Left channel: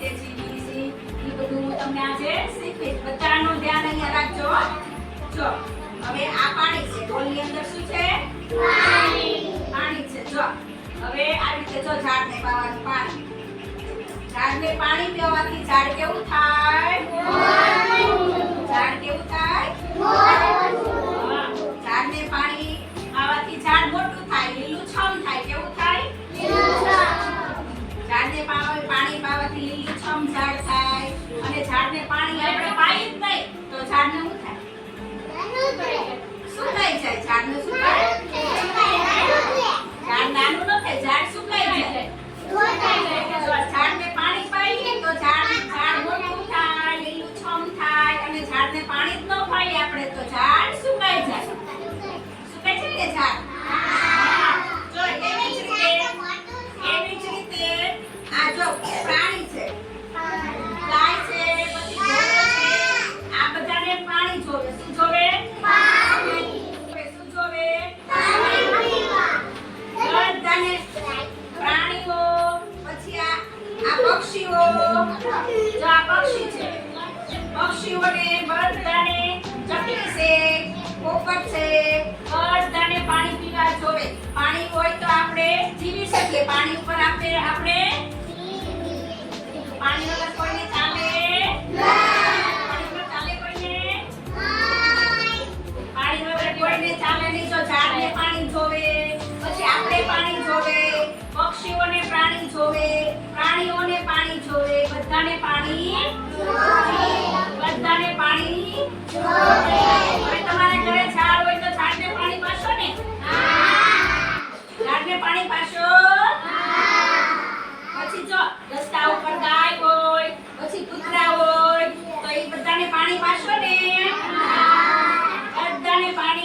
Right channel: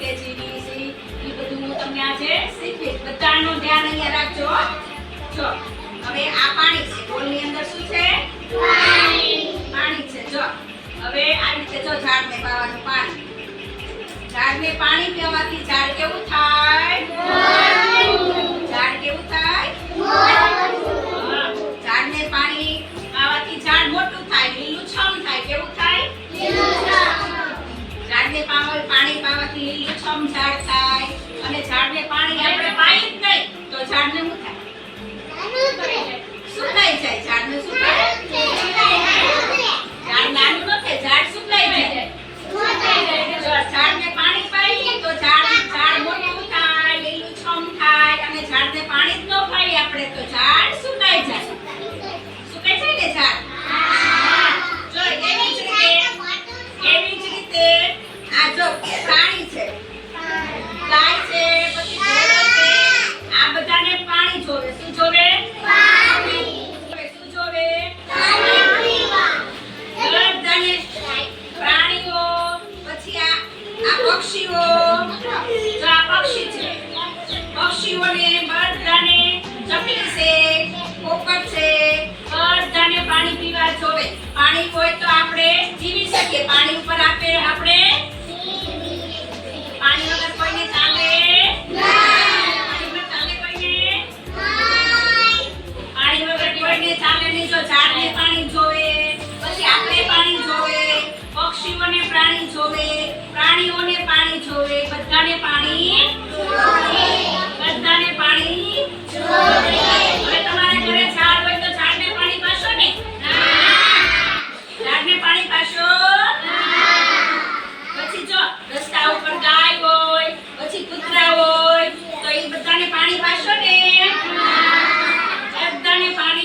રીતે જીવી છે એ બધું હું તમને આજે શીખવીશ. બધાનું ધ્યાન અહીંયા રાખજો. જો હવે આ પાણી છે, બોલની અંદર શું છે? પાણી છે. જો હવે આ રીતે જો ઝાડને પાવાનું પાણી. ઝાડને પાણી પીવાથી ઝાડ કેવું થાય? ઝાડ કેવું થાય? ઝાડને પાણી પાવાથી ઝાડ મોટું થાય, લીલુંછમ થાય. કેવું થાય? ઝાડને પાણી પાવાથી લીલુંછમ ઝાડ થાય. અને ઝાડને પાણી આપણે પાઈ જ નહીં તો ઝાડને શું થાય? સુકાઈ જાય. ઝાડને શું થાય? ઝાડ નાનું ન થાય, ઝાડ સુકાઈ જાય. જો ઝાડને પાણી પાઈએ તો ઝાડ મોટું થાય, લીલુંછમ થાય. અને ઝાડને પાણી જ ન પાઈએ આપણે તો ઝાડ સુકાઈ જાય. સુકાઈ જાય ને ઝાડ? જો એવી જ રીતે આ જો પ્રાણી છે, ગાય છે, પછી ઘોડો છે, આ બધાને પાણી જોવે. શું જોવે? પાણી. શું જોવે? બધાને પ્રાણીઓ. પછી આ પક્ષીઓ. જો આ પક્ષી છે, પક્ષીઓને બધાને, ચકલી છે, પોપટ છે, બધાને પાણી પીવા જોવે. પાણી હોય તો આપણે જીવી શકીએ. પાણી ઉપર આપણે પાણી વગર કોઈને ચાલે નહીં. પાણી વગર ચાલે કોઈને? પાણી વગર કોઈને ચાલે નહીં. જો ઝાડને પાણી જોવે, પછી આપણે પાણી જોવે, પક્ષીઓને પાણી જોવે, પ્રાણીઓને પાણી જોવે, બધાને પાણી જોવે. હવે તમારા ઘરે ઝાડ હોય તો ઝાડને પાણી પાશો ને? ઝાડને પાણી પાશો? પછી જો રસ્તા ઉપર ગાય હોય, પછી કૂતરા હોય તો એ બધાને પાણી પાશો ને? બધાને પાણી